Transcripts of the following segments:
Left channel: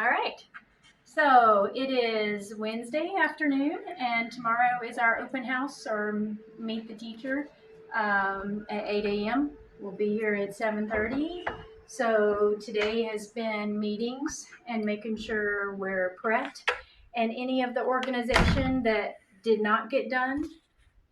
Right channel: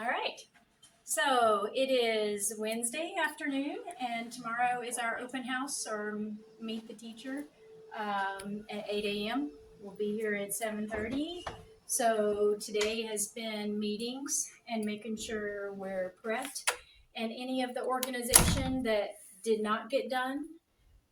All right. So it is Wednesday afternoon, and tomorrow is our open house or meet the teacher at 8 a.m. We'll be here at 7:30. So today has been meetings and making sure we're prepped, and any of the organization that did not get done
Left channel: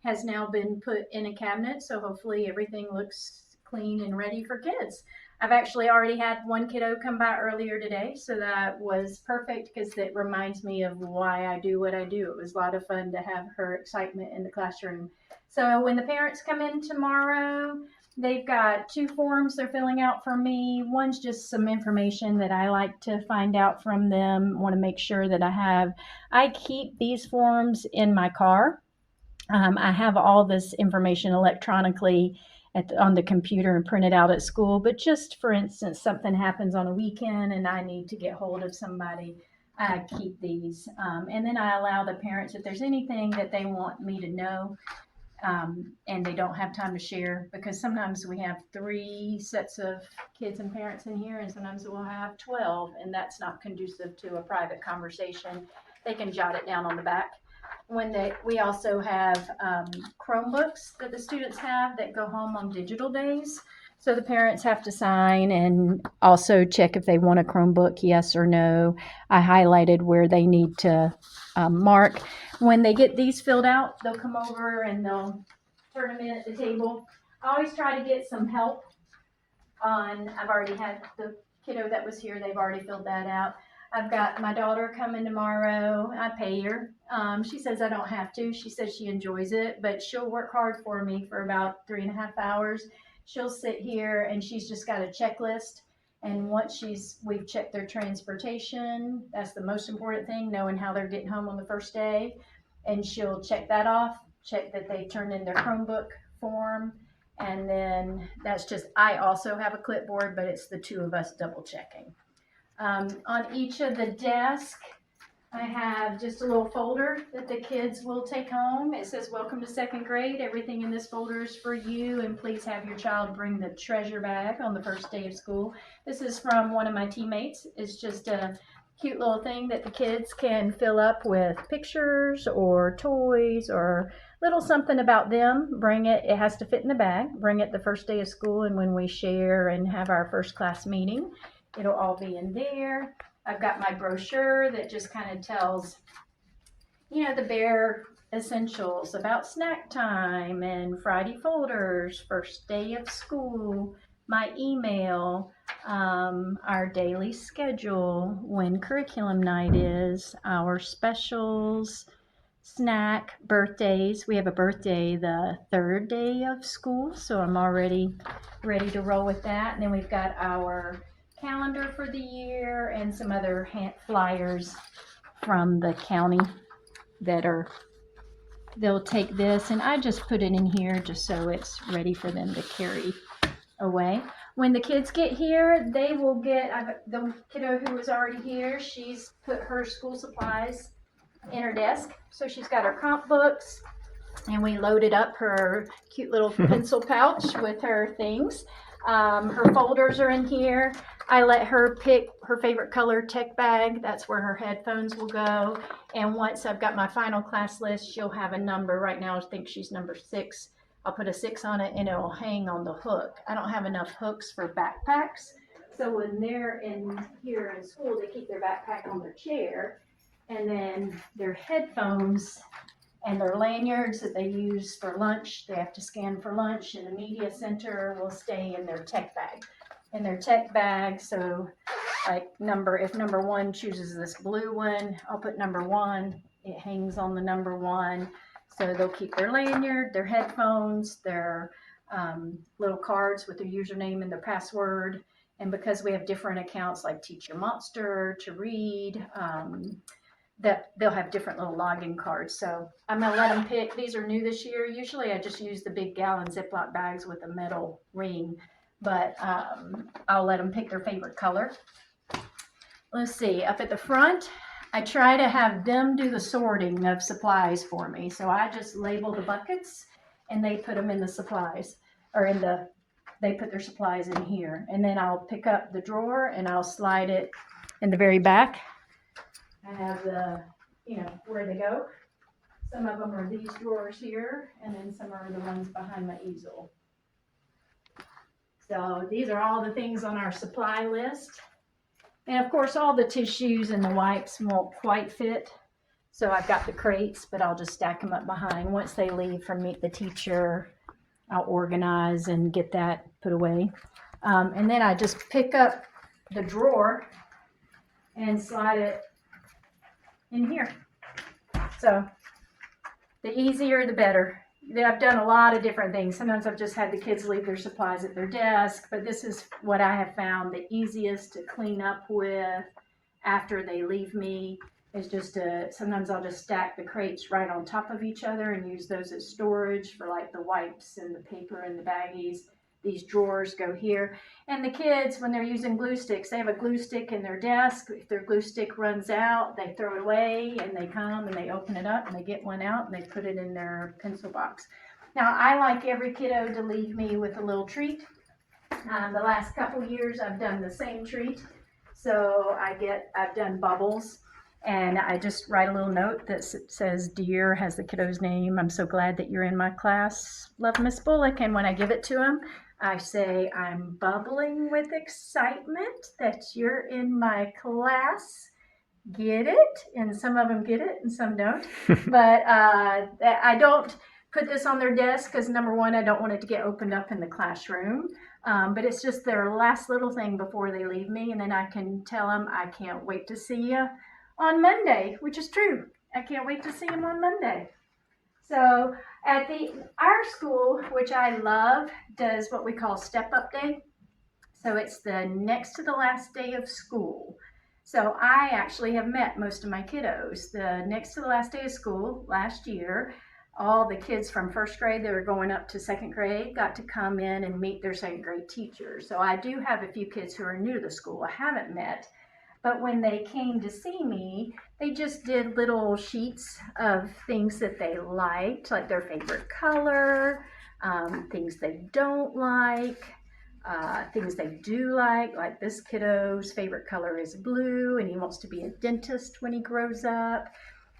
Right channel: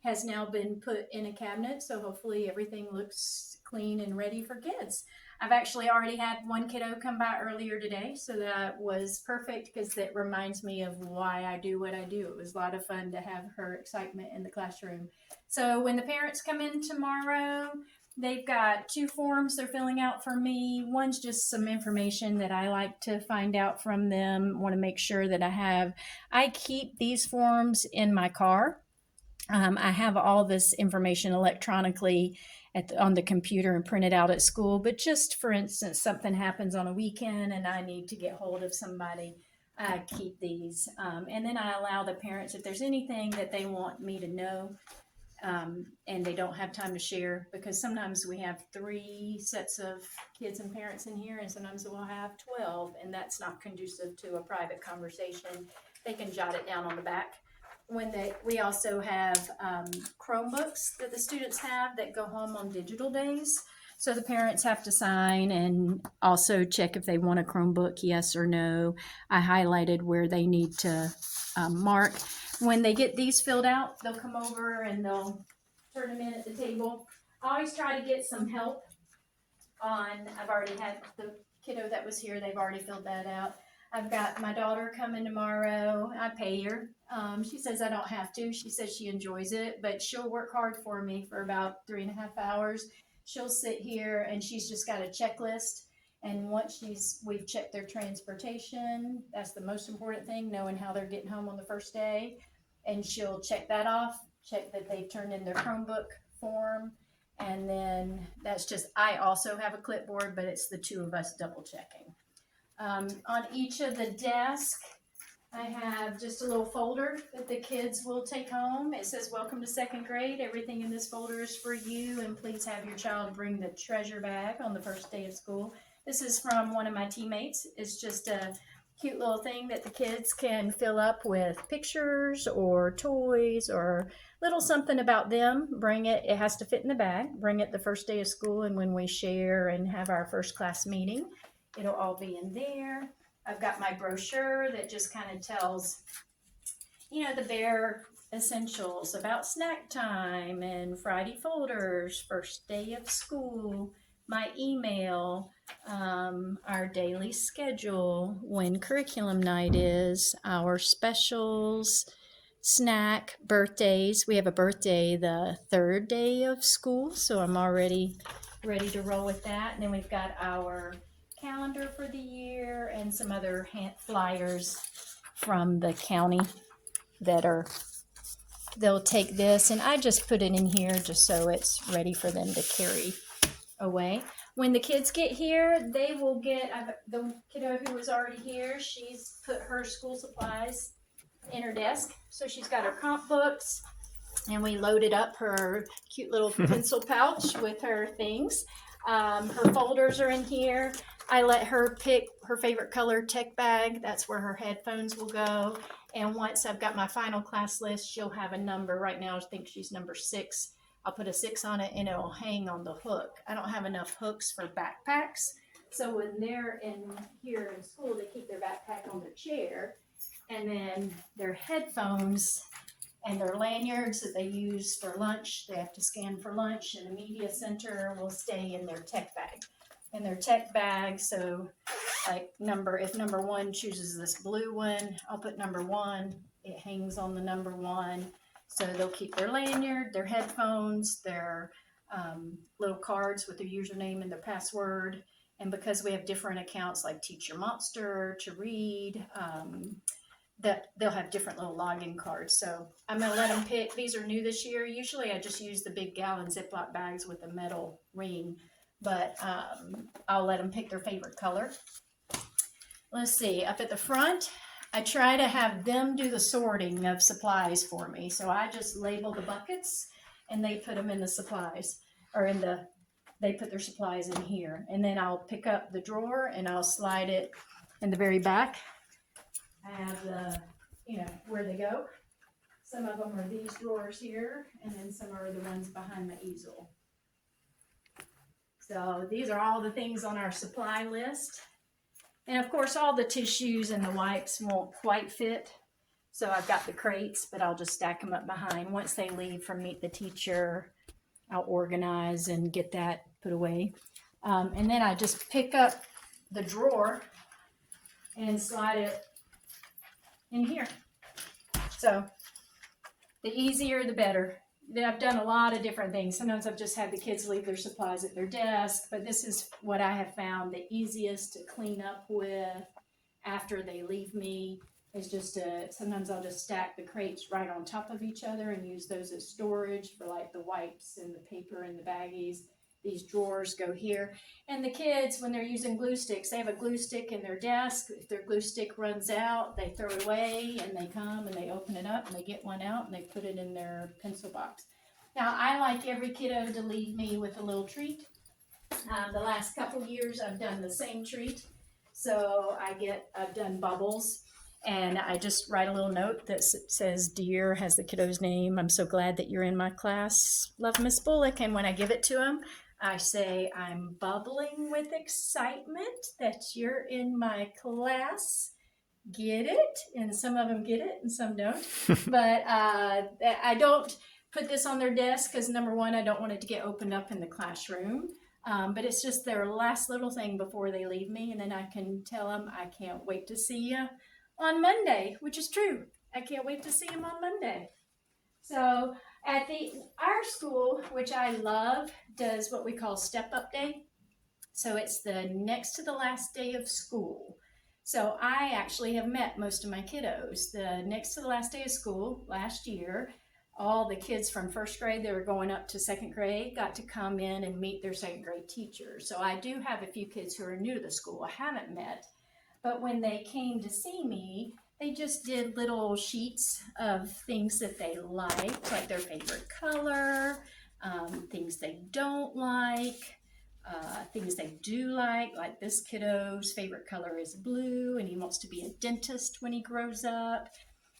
has now been put in a cabinet. So hopefully everything looks clean and ready for kids. I've actually already had one kiddo come by earlier today, so that was perfect because it reminds me of why I do what I do. It was a lot of fun to have her excitement in the classroom. So when the parents come in tomorrow, they've got two forms they're filling out for me. One's just some information that I like to find out from them, want to make sure that I keep these forms in my car. I have all this information electronically on the computer and printed out at school. But just for instance, something happens on a weekend and I need to get hold of somebody, I keep these. And then I allow the parents, if there's anything that they want me to know and they don't have time to share, because sometimes we have three sets of kids and parents in here, and sometimes we'll have 12, and that's not conducive to a private conversation. They can jot it down on the back. We also have Chromebooks that the students have that go home on digital days. So the parents have to sign and also check if they want a Chromebook, yes or no. I highlighted where they need to mark. When they get these filled out, they'll come over and they'll turn them in at the table. I always try to get some help I've already had the kiddo that was here, they've already filled that out. I've got my daughter coming tomorrow. I pay her. She says I don't have to. She says she enjoys it, but she'll work hard for me for about 3.5 hours. She'll sit here and she's just got a checklist. And once we've checked their transportation, that's the most important thing, knowing how they're getting home on the first day. And she'll check that off, check that they've turned in their Chromebook form. And then I also have a clipboard, but it's the two of us double checking. On each of the desks, I have just a little folder that the kids will take home. It says, "Welcome to second grade. Everything in this folder is for you, and please have your child bring the treasure bag on the first day of school." This is from one of my teammates. It's just a cute little thing that the kids can fill up with pictures or toys or little something about them. Bring it. It has to fit in the bag. Bring it the first day of school, and when we share and have our first class meeting, it'll all be in there. I've got my brochure that just kind of tells, the bare essentials about snack time and Friday folders, first day of school, my email, our daily schedule, when curriculum night is, our specials, snack, birthdays. We have a birthday the third day of school, so I'm already ready to roll with that. And then we've got our calendar for the year and some other hand flyers from the county they'll take this, and I just put it in here just so it's ready for them to carry away. When the kids get here, they will get the kiddo who was already here. She's put her school supplies in her desk, so she's got her comp books, and we loaded up her cute little pencil pouch with her things. Her folders are in here. I let her pick her favorite color tech bag. That's where her headphones will go. And once I've got my final class list, she'll have a number. Right now, I think she's number 6. I'll put a 6 on it and it'll hang on the hook. I don't have enough hooks for backpacks. So when they're here in school, they keep their backpack on their chair. And then their headphones and their lanyards that they use for lunch, they have to scan for lunch, and the media center will stay in their tech bag. So if number 1 chooses this blue one, I'll put number 1. It hangs on the number 1. So they'll keep their lanyard, their headphones, their little cards with their username and their password. And because we have different accounts like Teacher Monster, to read, that they'll have different little login cards. So I'm going to let them pick. These are new this year. Usually I just use the big gallon Ziploc bags with a metal ring, but I'll let them pick their favorite color. Let's see, up at the front, I try to have them do the sorting of supplies for me. So I just label the buckets and they put them in the supplies, or they put their supplies in here. And then I'll pick up the drawer and I'll slide it in the very back, I have the, where they go. Some of them are these drawers here, and then some are the ones behind my easel. So these are all the things on our supply list. And of course, all the tissues and the wipes won't quite fit. So I've got the crates, but I'll just stack them up behind. Once they leave from Meet the Teacher, I'll organize and get that put away. And then I just pick up the drawer and slide it in here. So the easier, the better. I've done a lot of different things. Sometimes I've just had the kids leave their supplies at their desk, but this is what I have found the easiest to clean up with after they leave me. Is just sometimes I'll just stack the crates right on top of each other and use those as storage for like the wipes and the paper and the baggies. These drawers go here. And the kids, when they're using glue sticks, they have a glue stick in their desk. If their glue stick runs out, they throw it away and they come and they open it up and they get one out and they put it in their pencil box. Now, I like every kiddo to leave me with a little treat. The last couple years, I've done the same treat. So I've done bubbles. And I just write a little note that says, "Dear," has the kiddo's name. "I'm so glad that you're in my class. Love, Miss Bullock." And when I give it to him, I say, "I'm bubbling with excitement that you're in my class. Get it?" And some of them get it and some don't. But I don't put this on their desk because, number one, I don't want it to get opened up in the classroom. But it's just their last little thing before they leave me. And then I can tell them, "I can't wait to see you on Monday," which is true. I can't wait to see him on Monday. So at our school, which I love, does what we call Step Up Day. So it's the next to the last day of school. So I actually have met most of my kiddos. The next to the last day of school last year, all the kids from first grade that are going up to second grade got to come in and meet their second grade teacher. So I do have a few kids who are new to the school I haven't met. But when they came to see me, they just did little sheets of things that they liked, like their favorite color, things they don't like, things they do like this kiddo's favorite color is blue, and he wants to be a dentist when he grows up.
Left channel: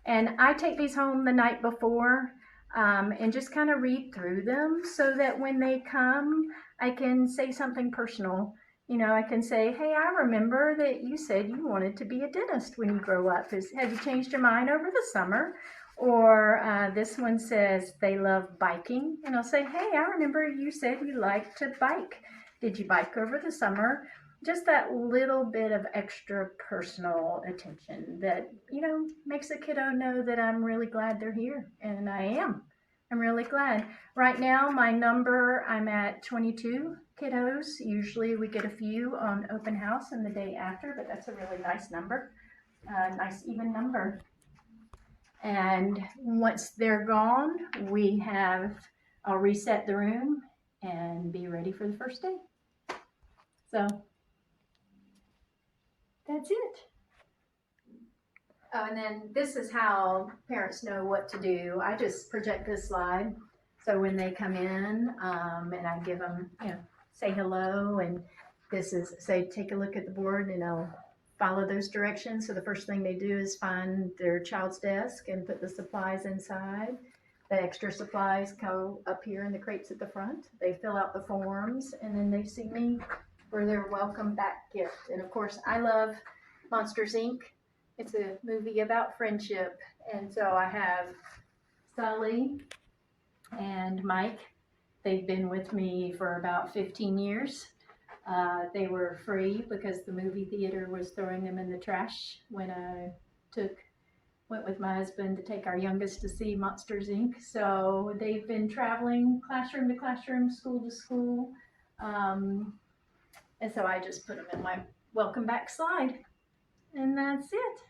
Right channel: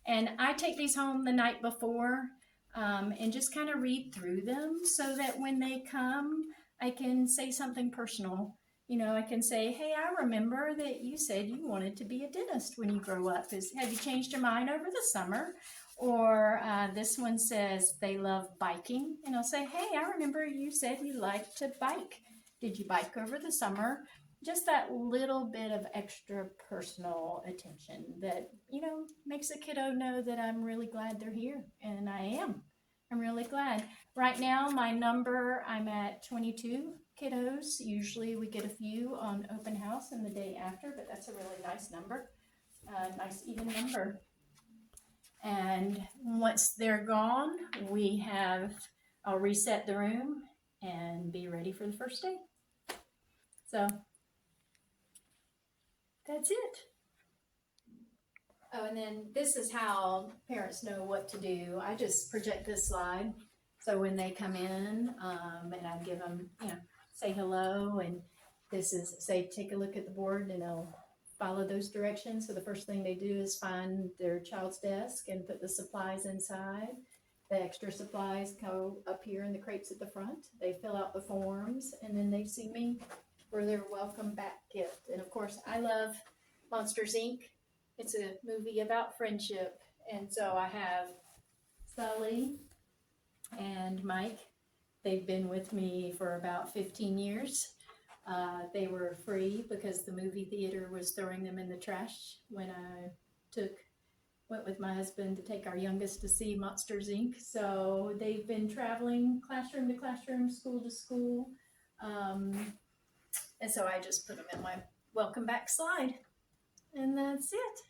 And I take these home the night before and just kind of read through them so that when they come, I can say something personal. I can say, "Hey, I remember that you said you wanted to be a dentist when you grow up. Have you changed your mind over the summer?" Or this one says they love biking. And I'll say, "Hey, I remember you said you like to bike. Did you bike over the summer?" Just that little bit of extra personal attention that, makes a kiddo know that I'm really glad they're here. And I am. I'm really glad. Right now, I'm at 22 kiddos. Usually we get a few on open house in the day after, but that's a really nice number, nice even number. And once they're gone, I'll reset the room and be ready for the first day. So that's it. Oh, and then this is how parents know what to do. I just project this slide. So when they come in, and I give them, say hello, and this is, say, take a look at the board, and I'll follow those directions. So the first thing they do is find their child's desk and put the supplies inside. The extra supplies go up here in the crates at the front. They fill out the forms, and then they see me for their welcome back gift. And of course, I love Monsters, Inc. It's a movie about friendship. And so I have Sully and Mike. They've been with me for about 15 years. They were free because the movie theater was throwing them in the trash when I went with my husband to take our youngest to see Monsters, Inc. So they've been traveling classroom to classroom, school to school. And so I just put them in my welcome back slide. And that's it.